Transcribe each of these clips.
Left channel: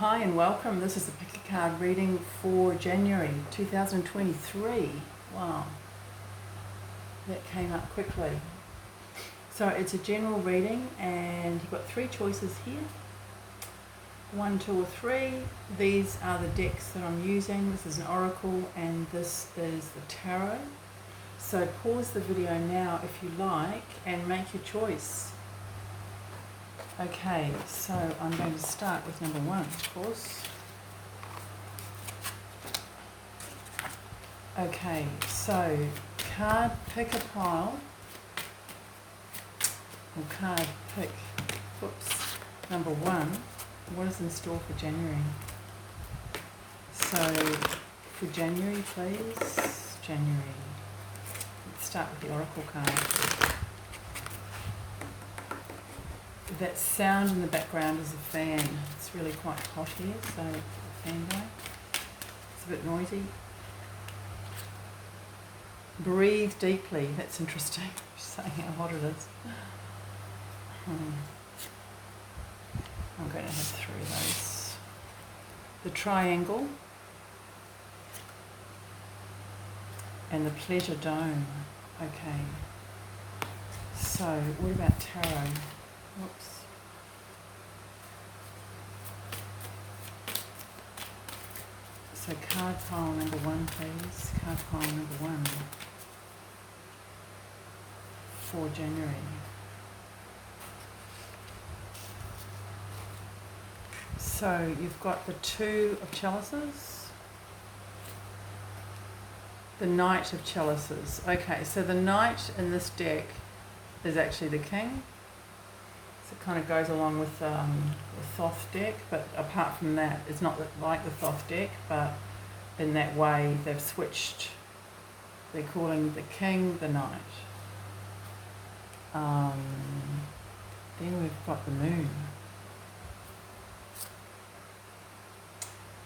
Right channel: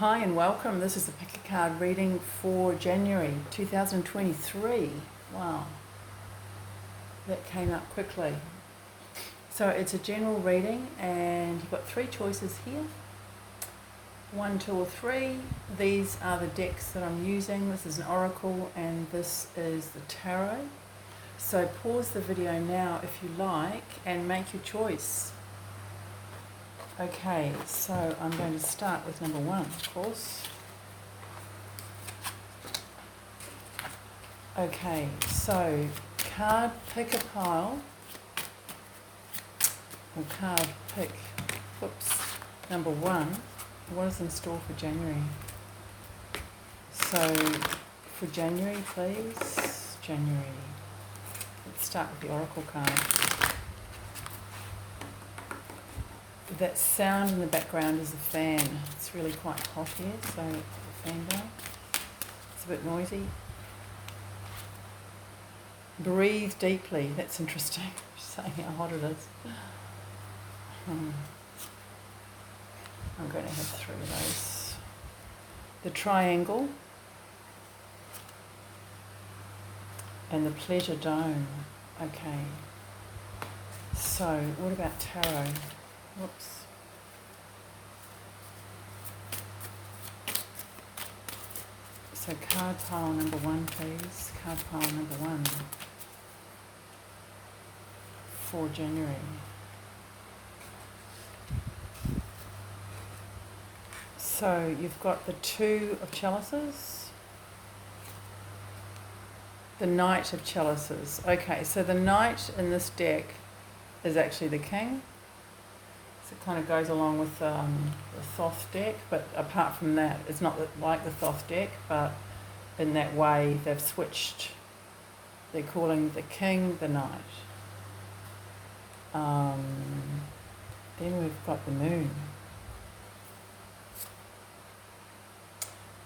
Hi and welcome. This is the pick a card reading for January 2023. Wow, that came up quickly. So it's a general reading and you've got three choices here. 1, 2 or 3. These are the decks that I'm using. This is an oracle and this is the tarot. So pause the video now if you like and make your choice. Okay, so I'm going to start with number 1, of course. Okay, so card pick a pile, or card pick, number 1. What is in store for January? So, for January, please, January. Let's start with the oracle card. That sound in the background is a fan. It's really quite hot here, so the fan day. It's a bit noisy. Breathe deeply. That's interesting. Just saying how hot it is. I'm going to have 3 of those. The triangle and the pleasure dome. Okay. So what about tarot? Whoops. So card pile number 1, please. Card pile number 1 for January. So you've got the 2 of chalices, the Knight of chalices. Okay, so the Knight in this deck is actually the King. So it kind of goes along with the Thoth deck, but apart from that, it's not like the Thoth deck, but in that way they've switched. They're calling the King the Knight. Then we've got the Moon.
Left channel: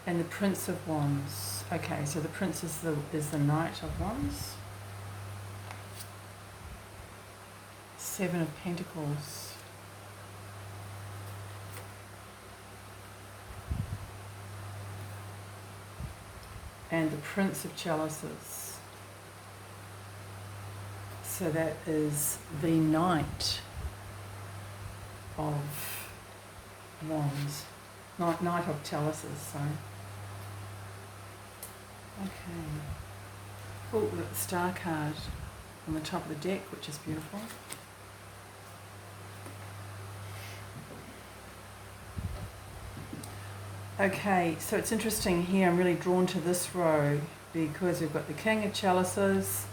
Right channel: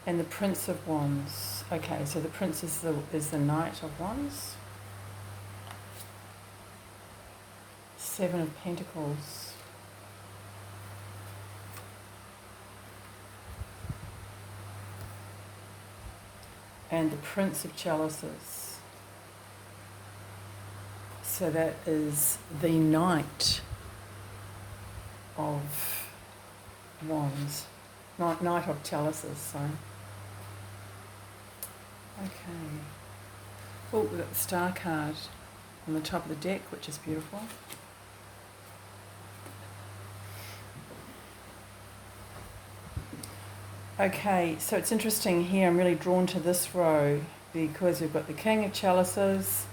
And the Prince of Wands. Okay, so the Prince is the Knight of Wands. 7 of Pentacles. And the Prince of Chalices. So that is the Knight of Wands. Knight of Chalices, sorry. Okay. Oh, we've got the Star card on the top of the deck, which is beautiful. Okay, so it's interesting here, I'm really drawn to this row because we've got the King of Chalices,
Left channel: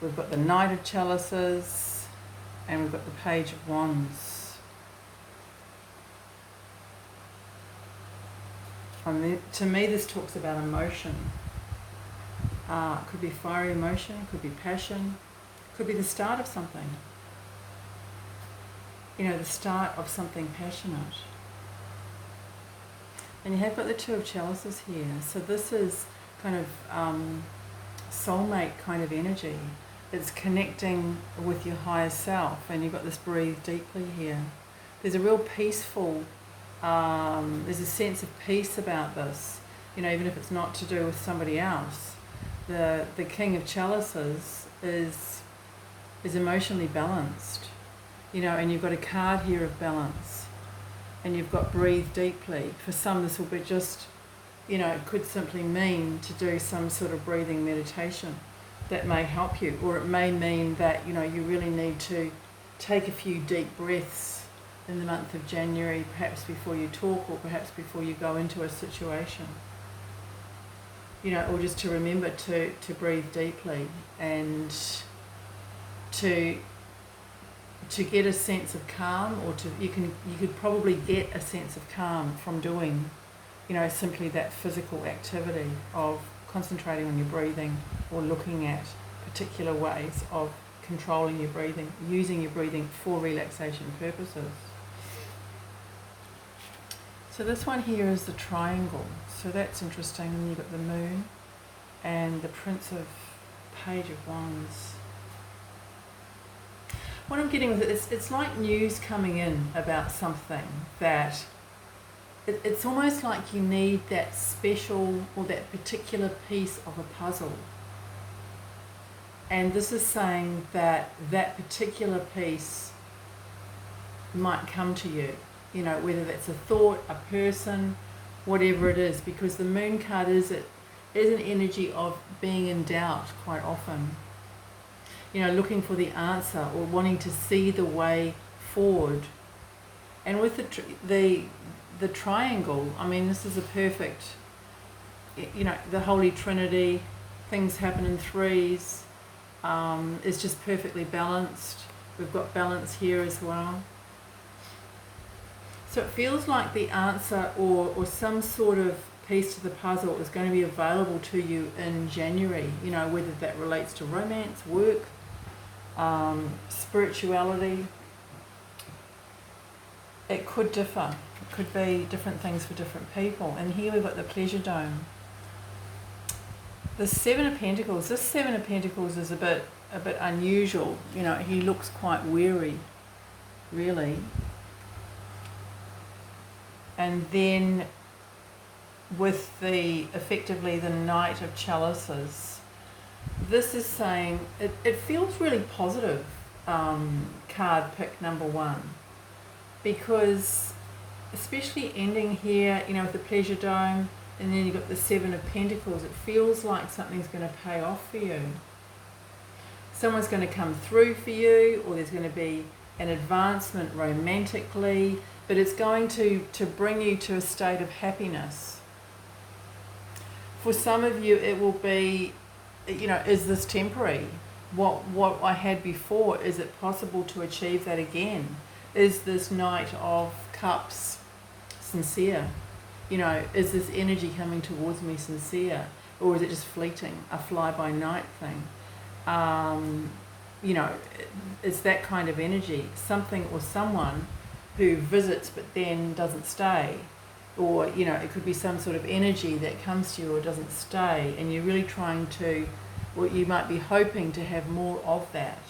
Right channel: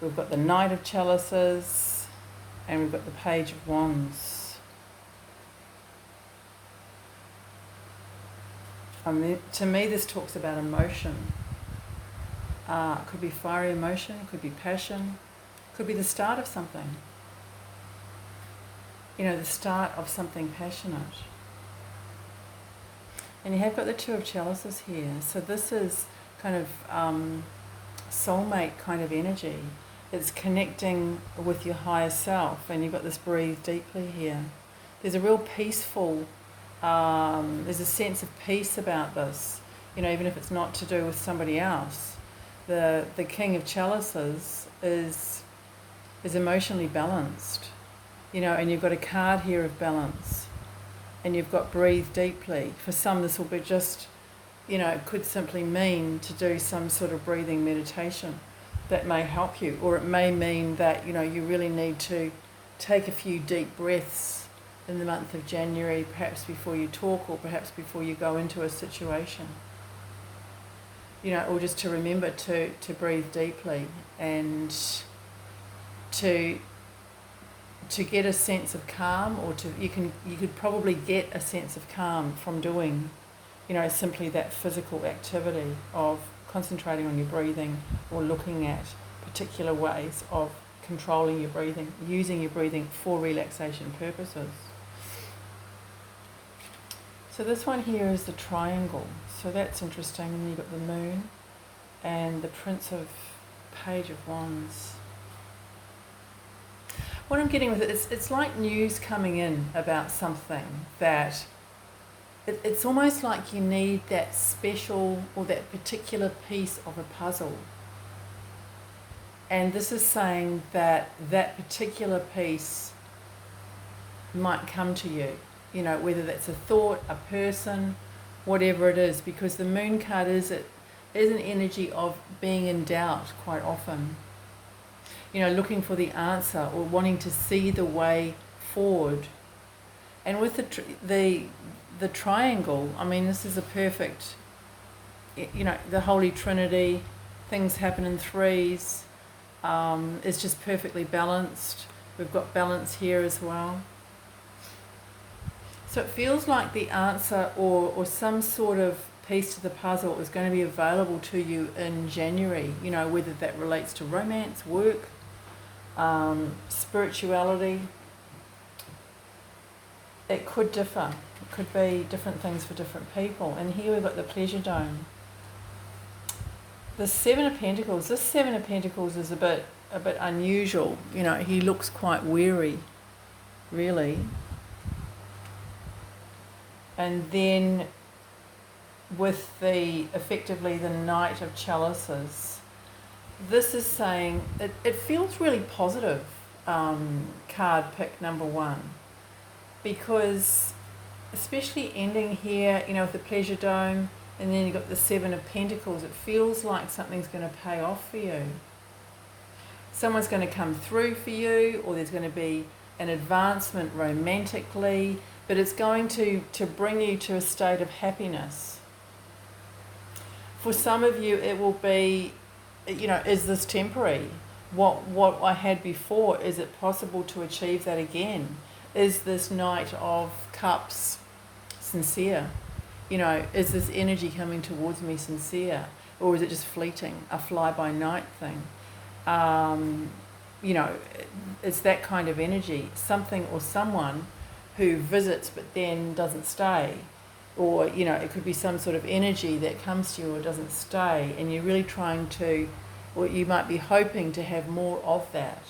we've got the Knight of Chalices, and we've got the Page of Wands. To me, this talks about emotion. It could be fiery emotion, it could be passion, it could be the start of something. You know, the start of something passionate. And you have got the 2 of chalices here. So this is kind of soulmate kind of energy. It's connecting with your higher self. And you've got this breathe deeply here. There's a real peaceful, there's a sense of peace about this. You know, even if it's not to do with somebody else. The King of Chalices is emotionally balanced. You know, and you've got a card here of balance. And you've got breathe deeply. For some, this will be just, you know, it could simply mean to do some sort of breathing meditation that may help you. Or it may mean that, you know, you really need to take a few deep breaths in the month of January, perhaps before you talk or perhaps before you go into a situation. You know, or just to remember to breathe deeply and to get a sense of calm, or you could probably get a sense of calm from doing, you know, simply that physical activity of concentrating on your breathing or looking at particular ways of controlling your breathing, using your breathing for relaxation purposes. So this one here is the triangle. So that's interesting. And you've got the Moon and the Prince of Page of Wands. What I'm getting with it is it's like news coming in about something that it's almost like you need that special or that particular piece of a puzzle. And this is saying that that particular piece might come to you, whether that's a thought, a person, whatever it is, because the moon card is an energy of being in doubt quite often. Looking for the answer or wanting to see the way forward. And with the triangle, I mean, this is a perfect, the Holy Trinity, things happen in threes, it's just perfectly balanced. We've got balance here as well. So it feels like the answer or some sort of piece to the puzzle is going to be available to you in January, whether that relates to romance, work, spirituality. It could differ. It could be different things for different people. And here we've got the pleasure dome. The Seven of Pentacles. This Seven of Pentacles is a bit unusual. He looks quite weary, really. And then with effectively the Knight of Chalices, this is saying it feels really positive, card pick number one. Because especially ending here, with the pleasure dome, and then you've got the Seven of Pentacles, it feels like something's going to pay off for you. Someone's going to come through for you, or there's going to be an advancement romantically, but it's going to bring you to a state of happiness. For some of you, it will be, is this temporary? What I had before, is it possible to achieve that again? Is this Knight of Cups sincere? Is this energy coming towards me sincere? Or is it just fleeting, a fly-by-night thing? It's that kind of energy. Something or someone who visits but then doesn't stay. Or, it could be some sort of energy that comes to you or doesn't stay, and you're really trying to, or you might be hoping to have more of that.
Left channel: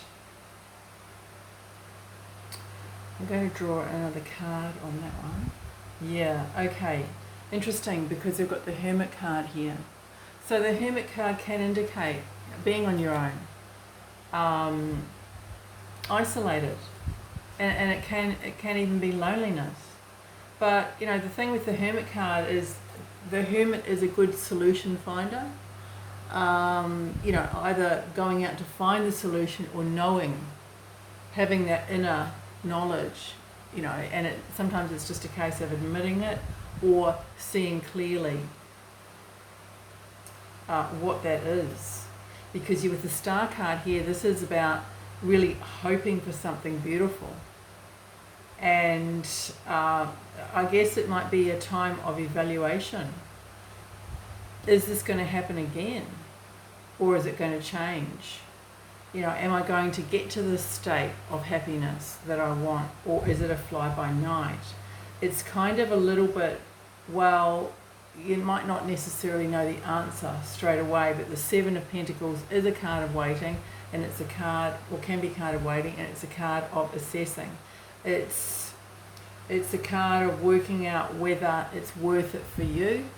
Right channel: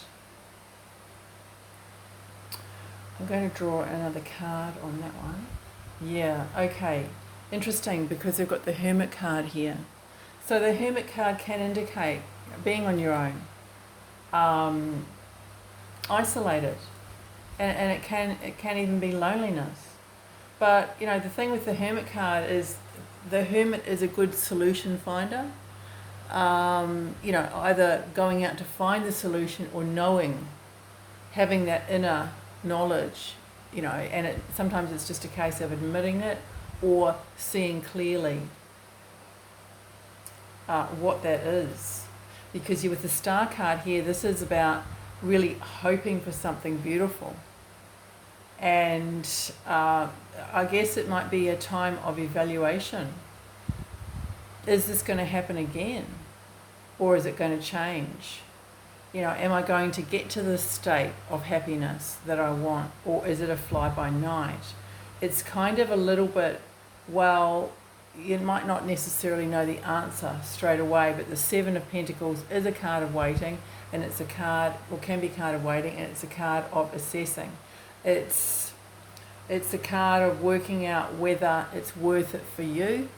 I'm going to draw another card on that one. Yeah, okay. Interesting, because they've got the Hermit card here. So the Hermit card can indicate being on your own, isolated, and it can even be loneliness. But the thing with the Hermit card is the Hermit is a good solution finder. Either going out to find the solution or having that inner knowledge, and sometimes it's just a case of admitting it or seeing clearly what that is. Because with the Star card here, this is about really hoping for something beautiful. And I guess it might be a time of evaluation. Is this going to happen again? Or is it going to change? Am I going to get to this state of happiness that I want, or is it a fly-by-night? It's kind of a little bit, you might not necessarily know the answer straight away, but the Seven of Pentacles is a card of waiting, and it's a card, or can be a card of waiting, and it's a card of assessing. It's a card of working out whether it's worth it for you.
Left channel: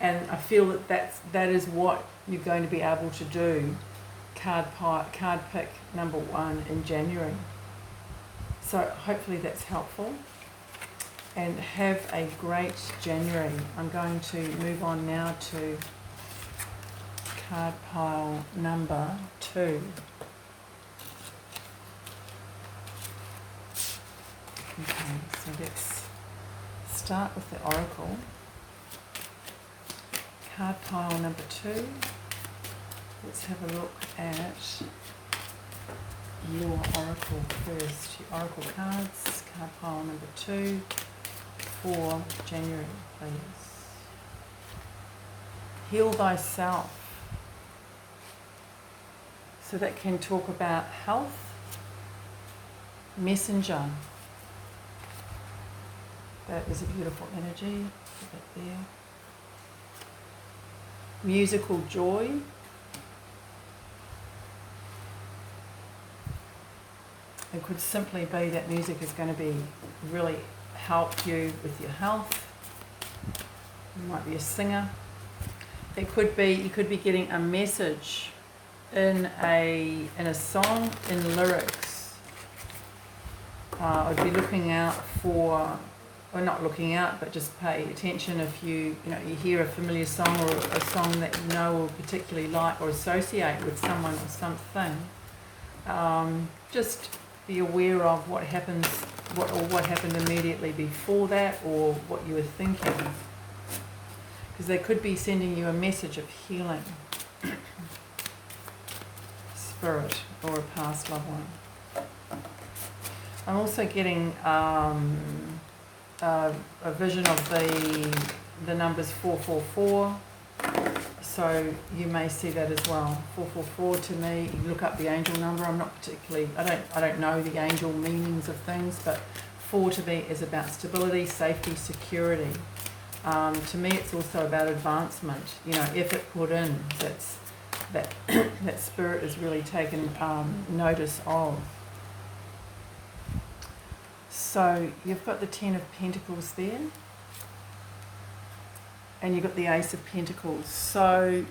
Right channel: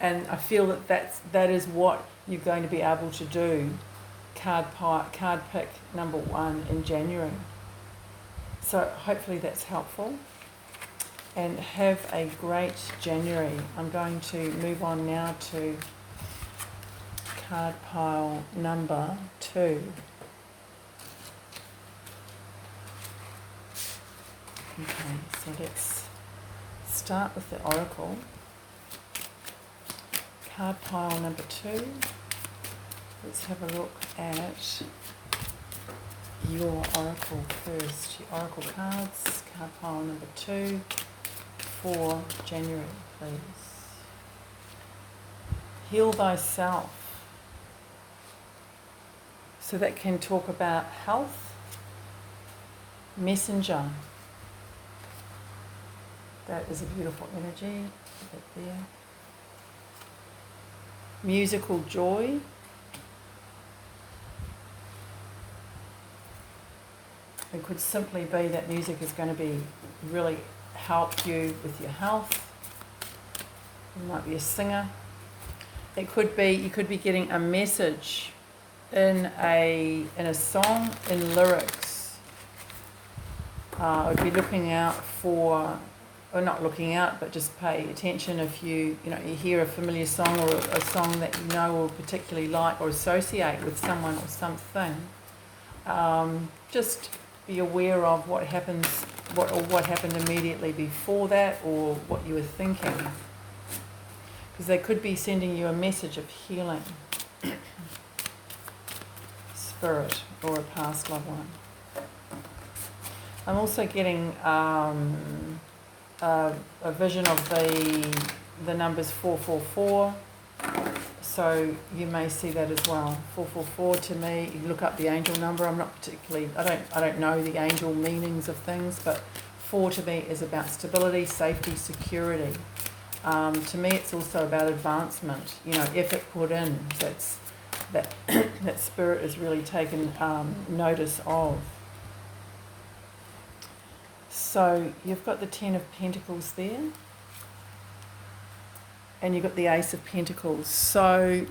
And I feel that is what you're going to be able to do, card pick number one in January. So hopefully that's helpful, and have a great January. I'm going to move on now to card pile number 2. Okay, so let's start with the Oracle. Card pile number 2. Let's have a look at your Oracle first. Your Oracle cards, card pile number 2 for January, please. Heal thyself. So that can talk about health. Messenger. That is a beautiful energy. Put it there. Musical joy. It could simply be that music is going to be really help you with your health. You might be a singer. It could be, you could be getting a message in a song, in lyrics. I'd be looking out for, or not looking out, but just pay attention if you hear a familiar song or a song that you know or particularly like or associate with someone or something. Just be aware of what happens, what happened immediately before that, or what you were thinking, because they could be sending you a message of healing, spirit, or a past loved one. I'm also getting a vision of the numbers 444. So you may see that as well. 444 to me, you look up the angel number. I'm not particularly, I don't know the angel meanings of things, but 4 to me is about stability, safety, security. To me, it's also about advancement. Effort put in. That spirit is really taken notice of. So you've got the 10 of Pentacles there. And you've got the Ace of Pentacles. So,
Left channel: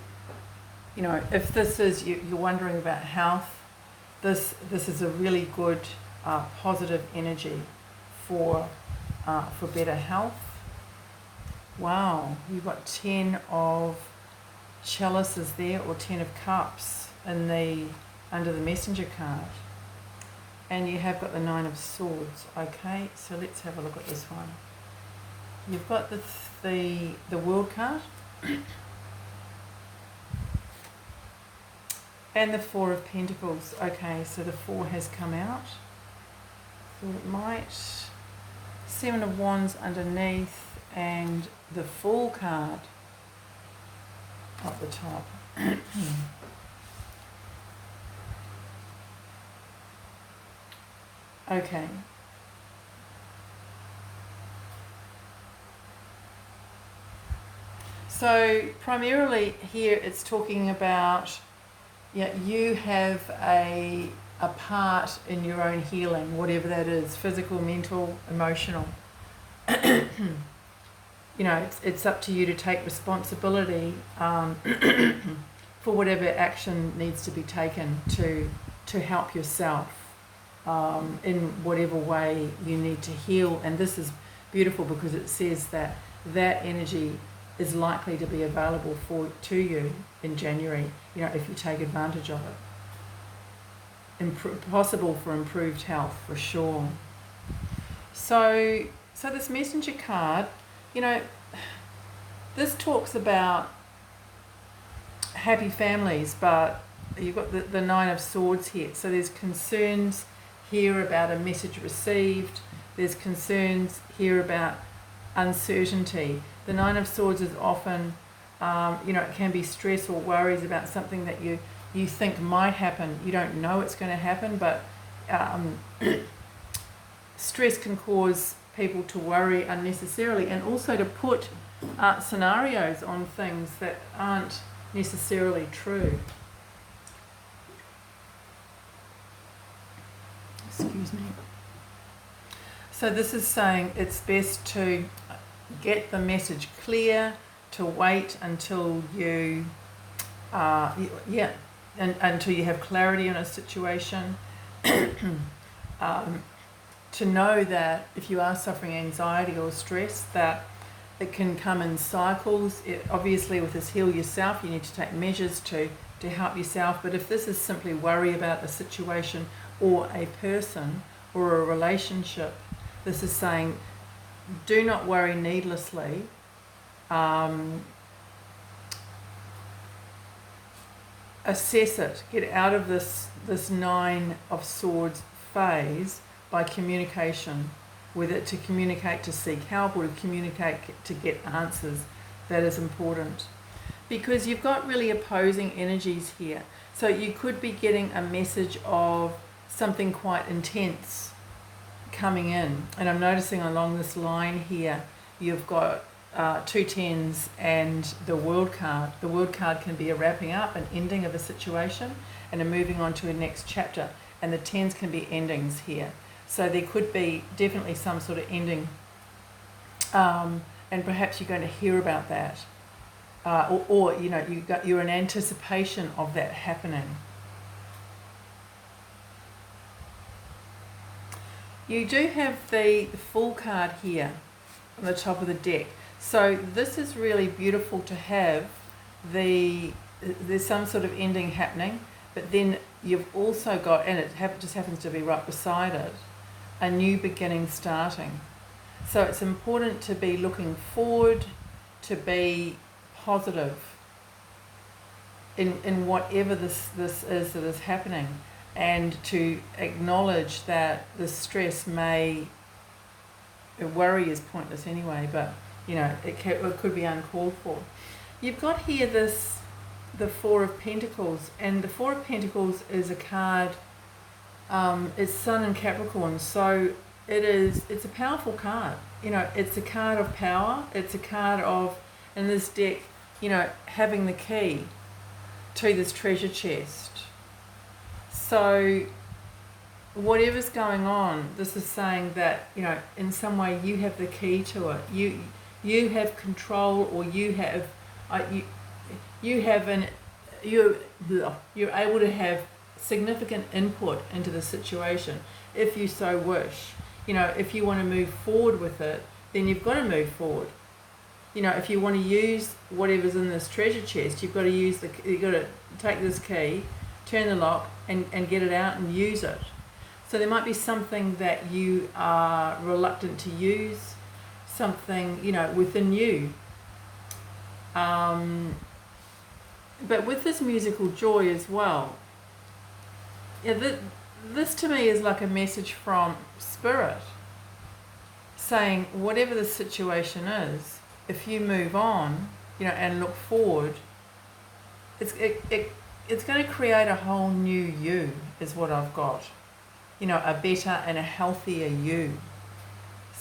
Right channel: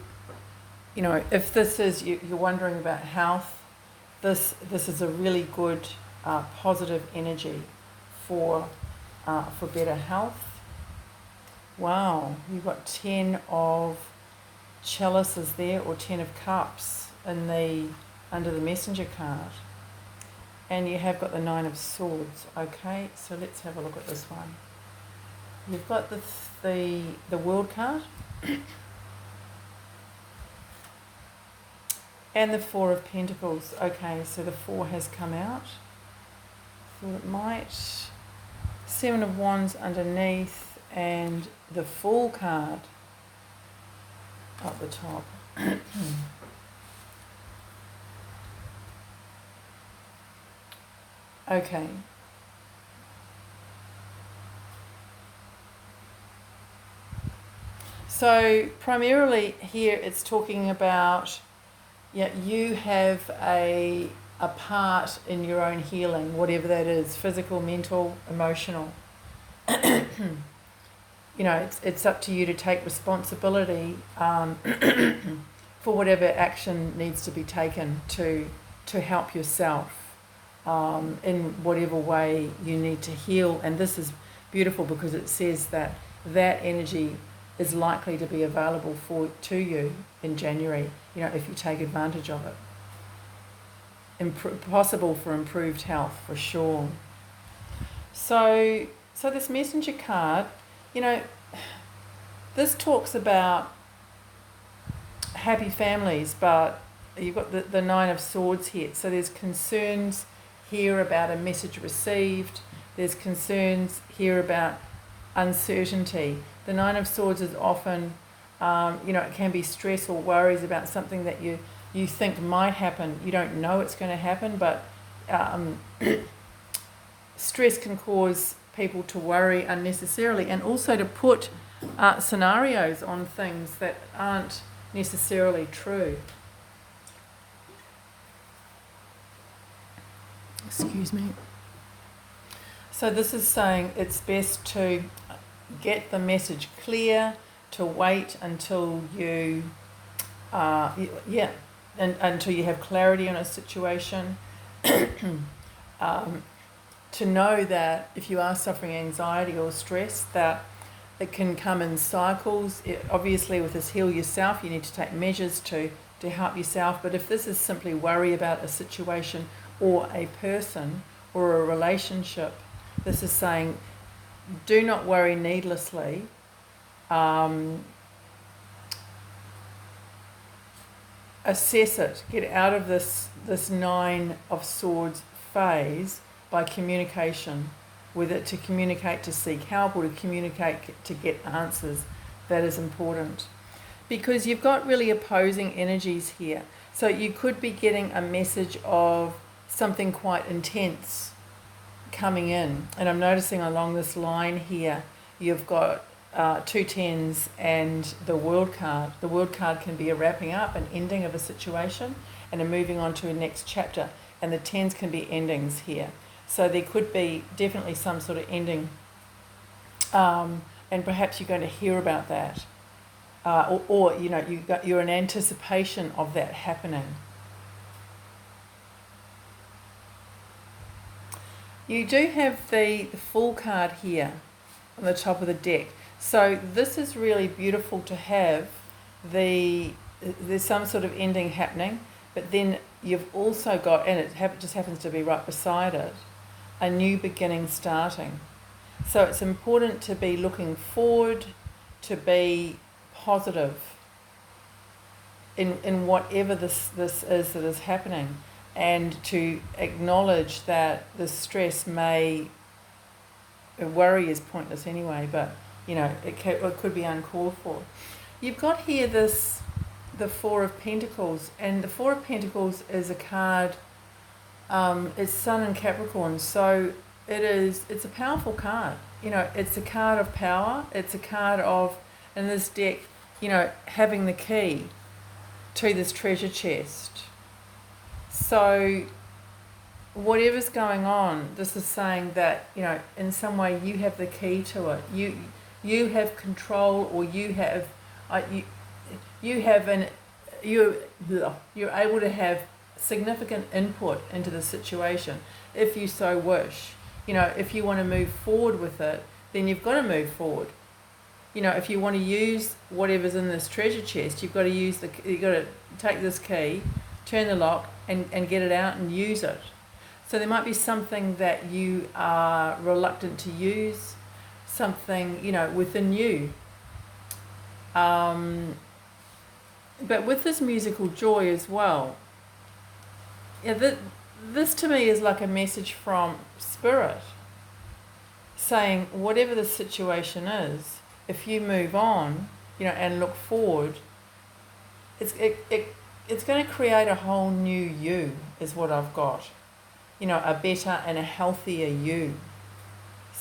if this is, you're wondering about health, this is a really good positive energy for better health. Wow, you've got 10 of chalices there, or 10 of cups under the messenger card. And you have got the 9 of swords. Okay, so let's have a look at this one. You've got the World card and the 4 of Pentacles. Okay, so the 4 has come out. So it might, 7 of Wands underneath, and the Fool card up the top. Okay. So primarily here it's talking about, you have a part in your own healing, whatever that is, physical, mental, emotional. It's up to you to take responsibility for whatever action needs to be taken to help yourself in whatever way you need to heal. And this is beautiful because it says that energy is likely to be available to you in January, if you take advantage of it. Possible for improved health, for sure. So this messenger card, this talks about happy families, but you've got the 9 of Swords here. So there's concerns here about a message received. There's concerns here about uncertainty. The 9 of Swords is often, it can be stress or worries about something that you think might happen. You don't know it's going to happen, but stress can cause people to worry unnecessarily, and also to put scenarios on things that aren't necessarily true. Excuse me. So this is saying it's best to get the message clear, to wait until you, until you have clarity on a situation. To know that if you are suffering anxiety or stress, that it can come in cycles. Obviously, with this Heal Yourself, you need to take measures to help yourself. But if this is simply worry about a situation or a person or a relationship, this is saying, do not worry needlessly. Assess it. Get out of this 9 of Swords phase by communication with it, to communicate to seek help, or to communicate to get answers. That is important. Because you've got really opposing energies here. So you could be getting a message of something quite intense coming in. And I'm noticing along this line here, you've got 2 10s and the World card. The World card can be a wrapping up, an ending of a situation, and a moving on to a next chapter. and the 10s can be endings here. So there could be definitely some sort of ending, and perhaps you're going to hear about that, or you know, you're in anticipation of that happening. You do have the Fool card here on the top of the deck. So this is really beautiful to have. There's some sort of ending happening, but then you've also got, and it just happens to be right beside it, a new beginning starting. So it's important to be looking forward, to be positive in whatever this is that is happening, and to acknowledge that the stress worry is pointless anyway, but you know, it could be uncalled for. You've got here the Four of Pentacles, and the Four of Pentacles is a card, it's Sun in Capricorn, so it's a powerful card. You know, it's a card of power, it's a card of, in this deck, you know, having the key to this treasure chest. So whatever's going on, this is saying that, you know, in some way you have the key to it. You have control, or you're able to have significant input into the situation if you so wish. You know, if you want to move forward with it, then you've got to move forward. You know, if you want to use whatever's in this treasure chest, you've got to take this key, turn the lock, and get it out and use it. So there might be something that you are reluctant to use, something, you know, within you. But with this musical joy as well, yeah, this to me is like a message from Spirit saying whatever the situation is, if you move on, you know, and look forward, it's going to create a whole new you, is what I've got. You know, a better and a healthier you.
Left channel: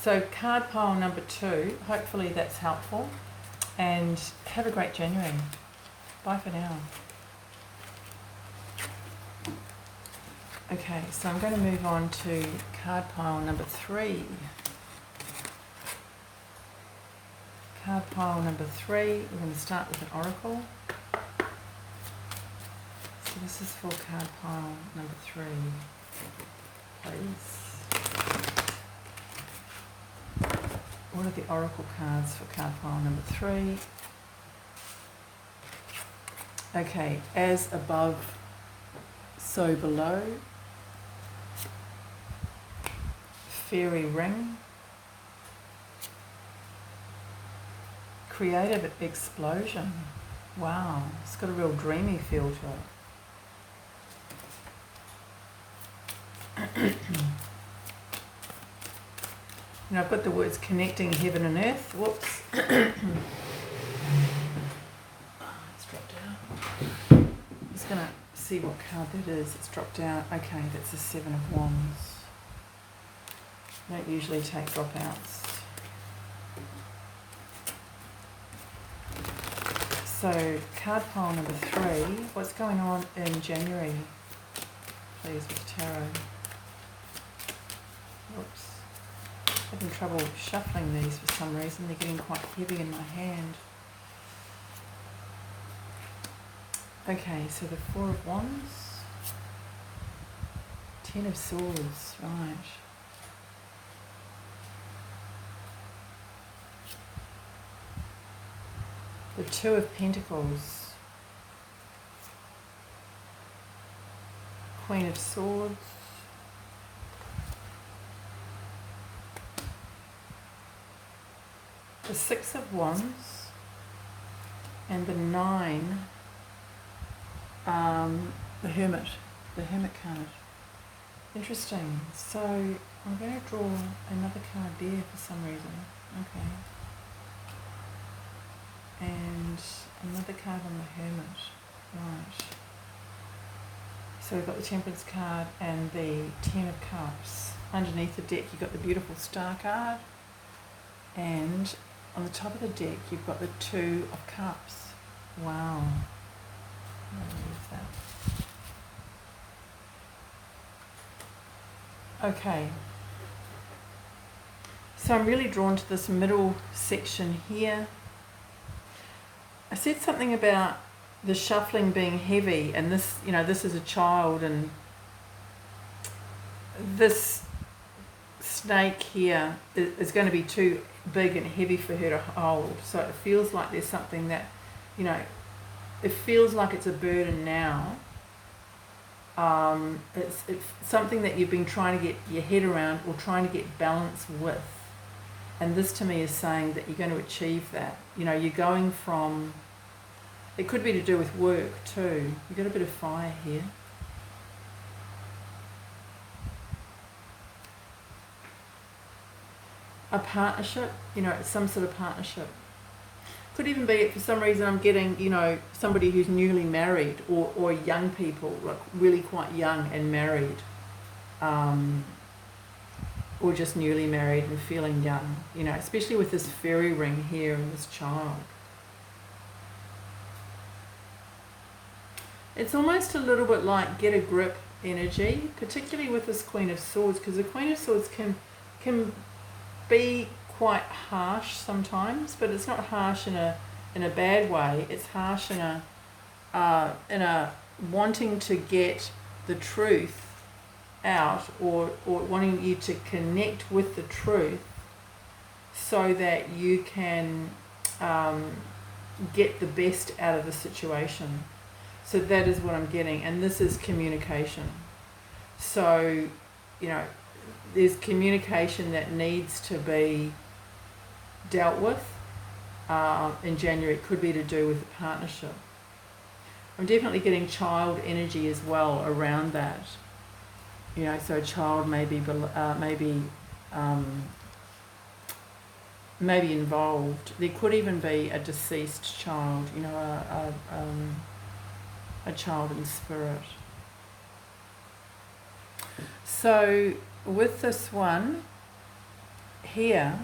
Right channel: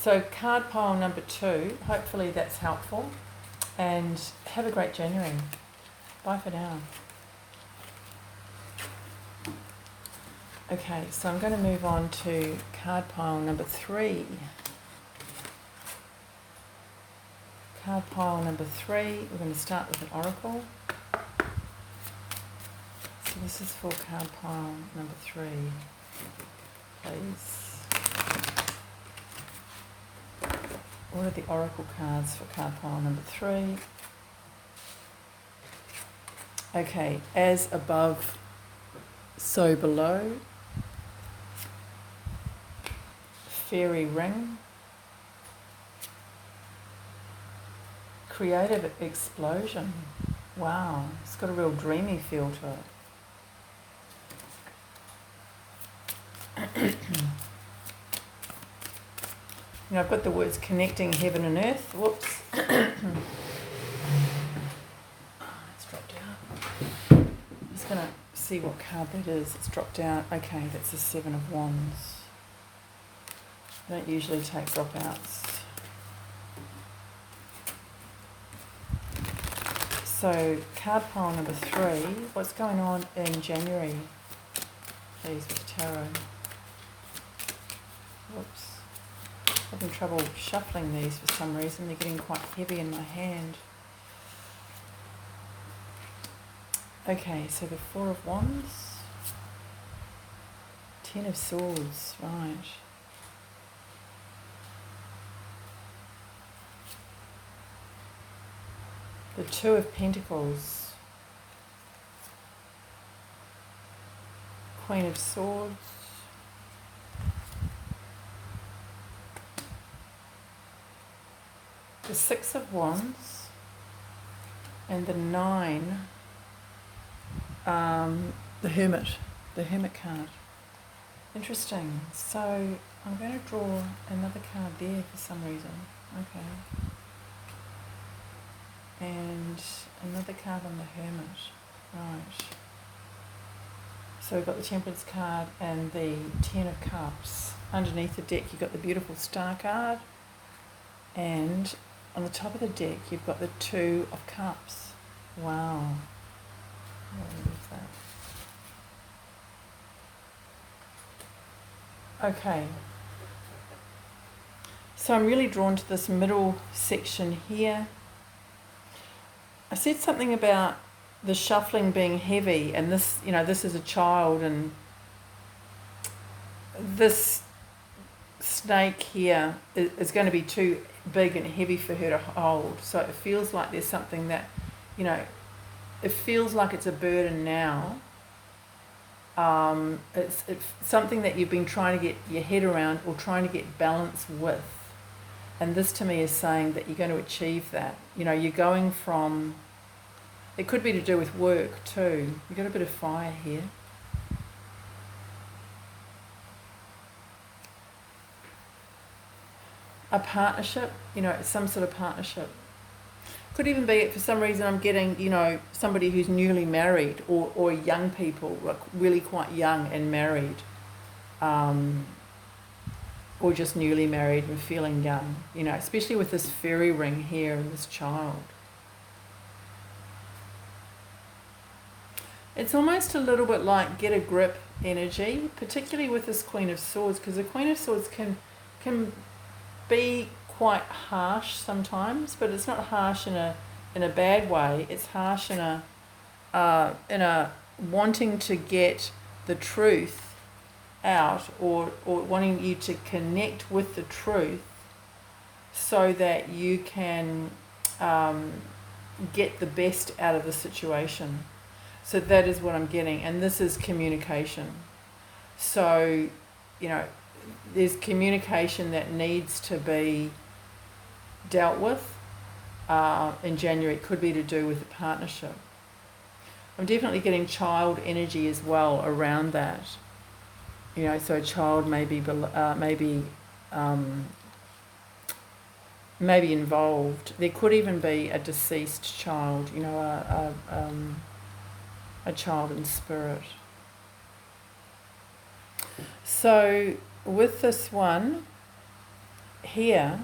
So card pile number 2, hopefully that's helpful, and have a great January. Bye for now. Okay, so I'm going to move on to card pile number 3. Card pile number 3, we're going to start with an oracle. So this is for card pile number 3, please. What are the oracle cards for card pile number 3? Okay, as above, so below. Fairy ring. Creative explosion. Wow, it's got a real dreamy feel to it. And I've got the words connecting heaven and earth. Whoops. It's dropped out. I'm just going to see what card that is. It's dropped out. Okay, that's the 7 of Wands. I don't usually take dropouts. So, card pile number 3. What's going on in January, please, with tarot? Whoops. Having trouble shuffling these for some reason. They're getting quite heavy in my hand. Okay, so the 4 of Wands. 10 of Swords, right. The 2 of Pentacles. Queen of Swords. The 6 of Wands. And the 9. The Hermit card. Interesting. So I'm going to draw another card there for some reason. Okay. And another card on the Hermit. Right. So we've got the Temperance card and the 10 of Cups. Underneath the deck you've got the beautiful Star card. And on the top of the deck you've got the 2 of Cups. Wow. What is that? Okay. So I'm really drawn to this middle section here. I said something about the shuffling being heavy, and this, this is a child, and this snake here is going to be too big and heavy for her to hold. So it feels like there's something that, it feels like it's a burden now. It's something that you've been trying to get your head around or trying to get balance with. And this to me is saying that you're going to achieve that. You're going from, it could be to do with work too. You've got a bit of fire here. A partnership, some sort of partnership. Could even be, for some reason I'm getting, somebody who's newly married, or young people, like really quite young and married. Or just newly married and feeling young, especially with this fairy ring here and this child. It's almost a little bit like get a grip energy, particularly with this Queen of Swords, because the Queen of Swords can be quite harsh sometimes, but it's not harsh in a bad way. It's harsh in a wanting to get the truth out, or wanting you to connect with the truth so that you can get the best out of the situation. So that is what I'm getting, and this is communication. So, there's communication that needs to be dealt with in January. It could be to do with a partnership. I'm definitely getting child energy as well around that. So a child maybe involved. There could even be a deceased child, a child in spirit. So with this one here,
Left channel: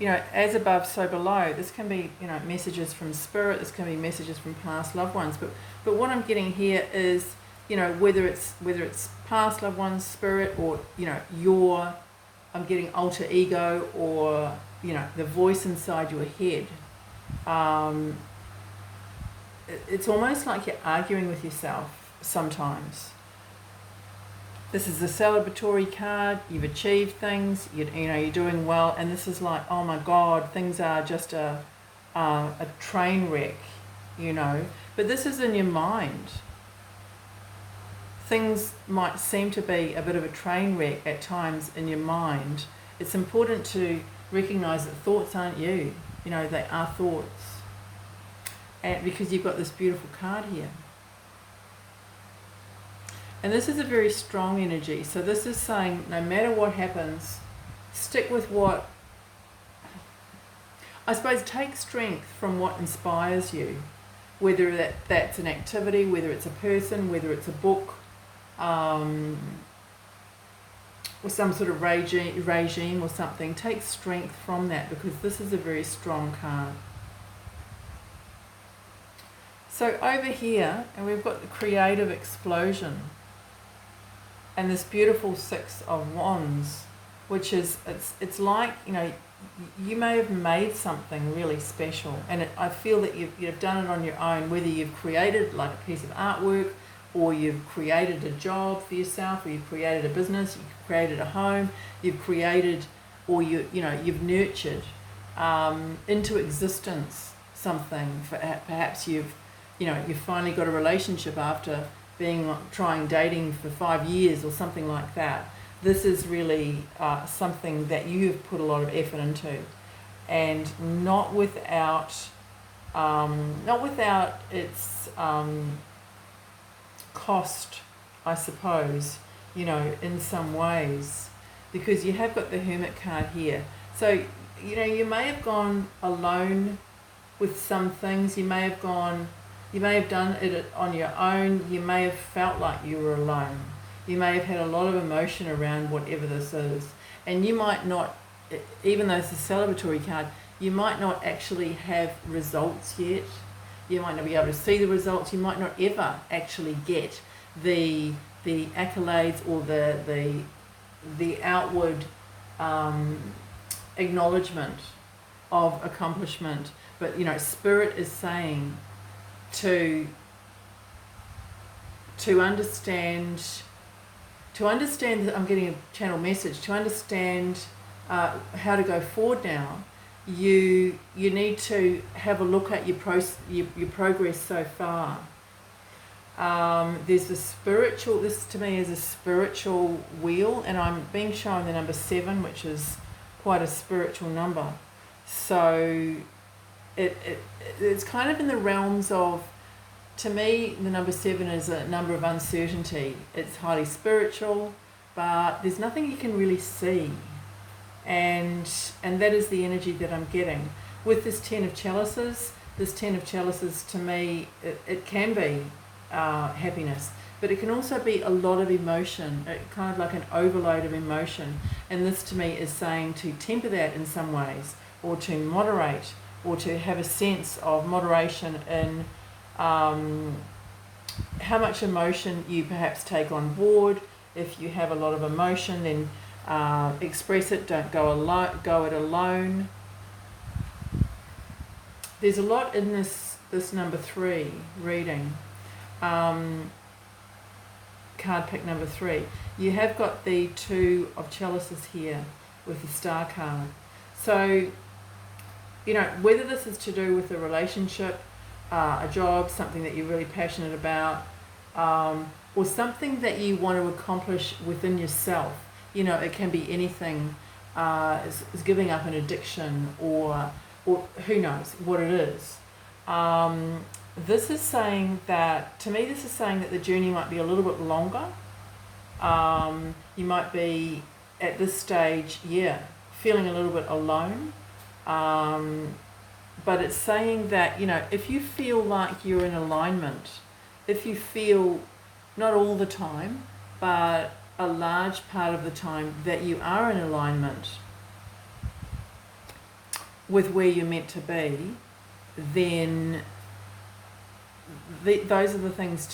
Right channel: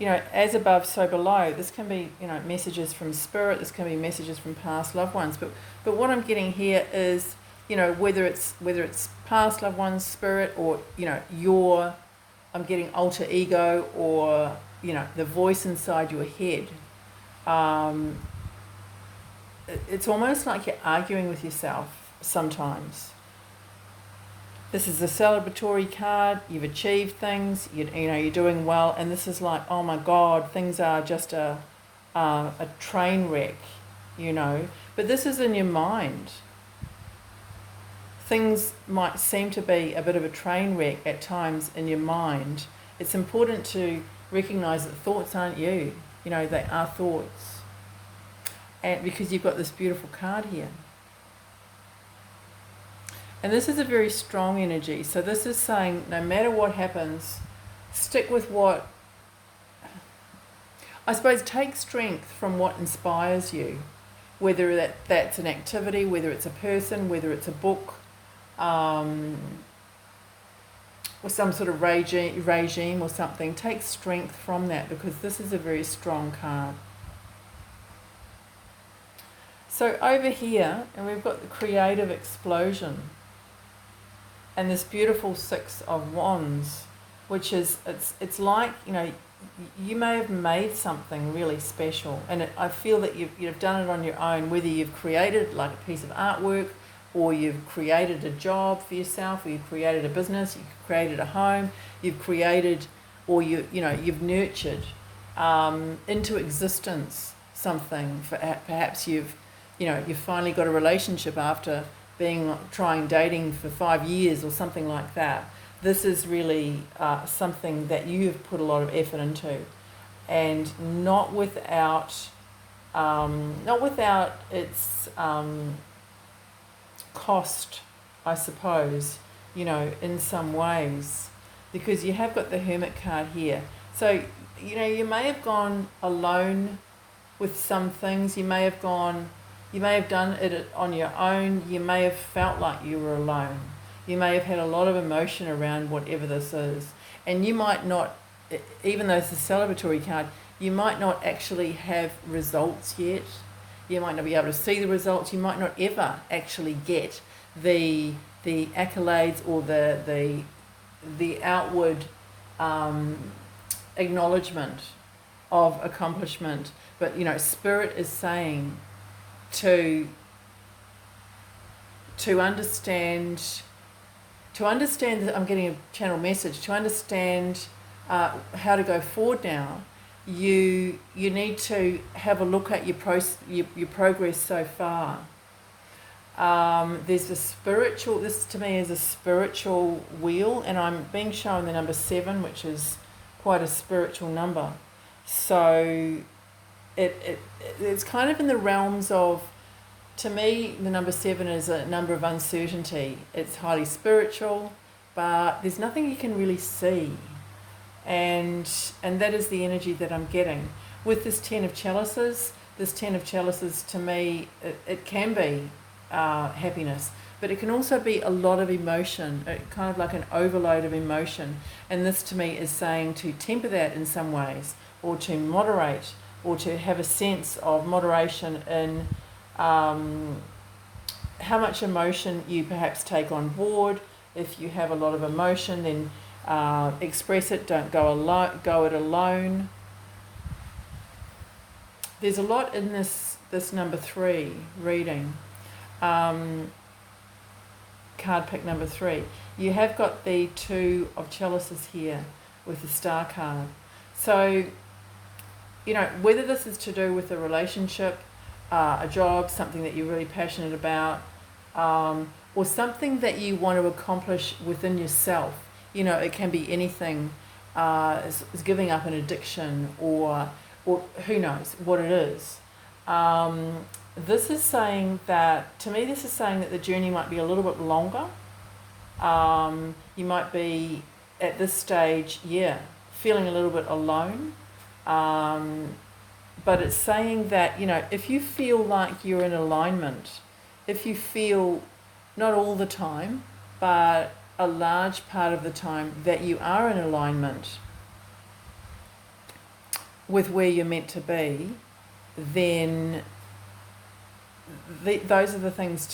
as above, so below. This can be, messages from spirit. This can be messages from past loved ones. But what I'm getting here is, whether it's past loved ones, spirit, or I'm getting alter ego, or the voice inside your head. It's almost like you're arguing with yourself sometimes. This is a celebratory card. You've achieved things. You're doing well, and this is like, oh my God, things are just a train wreck, But this is in your mind. Things might seem to be a bit of a train wreck at times in your mind. It's important to recognise that thoughts aren't you. They are thoughts. And because you've got this beautiful card here. And this is a very strong energy. So this is saying, no matter what happens, stick with what, I suppose, take strength from what inspires you. Whether that's an activity, whether it's a person, whether it's a book, or some sort of regime or something. Take strength from that, because this is a very strong card. So over here, and we've got the creative explosion, and this beautiful Six of Wands, which is, it's like, you may have made something really special, and I feel that you've done it on your own, whether you've created like a piece of artwork, or you've created a job for yourself, or you've created a business, you've created a home, you've created, or you've nurtured into existence something. Perhaps you've finally got a relationship after trying dating for 5 years or something like that. This is really something that you've put a lot of effort into, and not without its cost, I suppose, in some ways, because you have got the Hermit card here. So, you may have gone alone with some things. You may have done it on your own. You may have felt like you were alone. You may have had a lot of emotion around whatever this is. And you might not, even though it's a celebratory card, you might not actually have results yet. You might not be able to see the results. You might not ever actually get the the accolades or the outward acknowledgement of accomplishment. But Spirit is saying to understand that I'm getting a channel message, to understand how to go forward now. You need to have a look at your progress so far. There's this to me is a spiritual wheel, and I'm being shown the number 7, which is quite a spiritual number. So it's kind of in the realms of, to me, the number 7 is a number of uncertainty. It's highly spiritual, but there's nothing you can really see. And that is the energy that I'm getting. With this 10 of chalices, to me, it can be happiness, but it can also be a lot of emotion, kind of like an overload of emotion. And this to me is saying to temper that in some ways, or to moderate, or to have a sense of moderation in how much emotion you perhaps take on board. If you have a lot of emotion, then express it, don't go it alone. There's a lot in this number 3 reading. Card pick number 3. You have got the 2 of chalices here with the star card. So, whether this is to do with a relationship, a job, something that you're really passionate about, or something that you want to accomplish within yourself. It can be anything, is giving up an addiction, or who knows what it is. This is saying that the journey might be a little bit longer. You might be at this stage, feeling a little bit alone. But it's saying that, if you feel like you're in alignment, if you feel, not all the time, but a large part of the time, that you are in alignment with where you're meant to be, then those are the things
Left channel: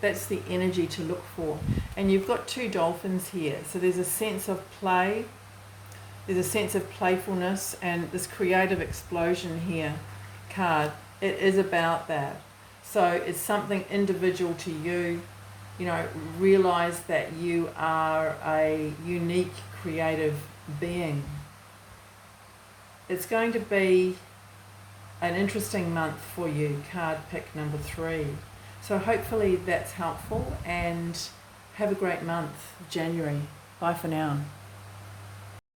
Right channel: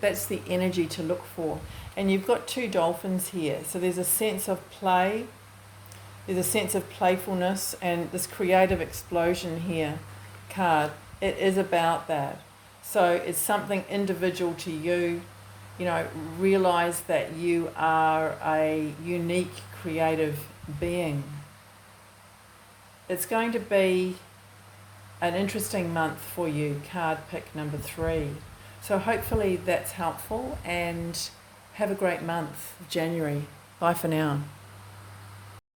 that's the energy to look for. And you've got 2 dolphins here, so there's a sense of play, there's a sense of playfulness, and this creative explosion here card, it is about that. So it's something individual to you. Realize that you are a unique creative being. It's going to be an interesting month for you, card pick number 3. So hopefully that's helpful, and have a great month, January. Bye for now.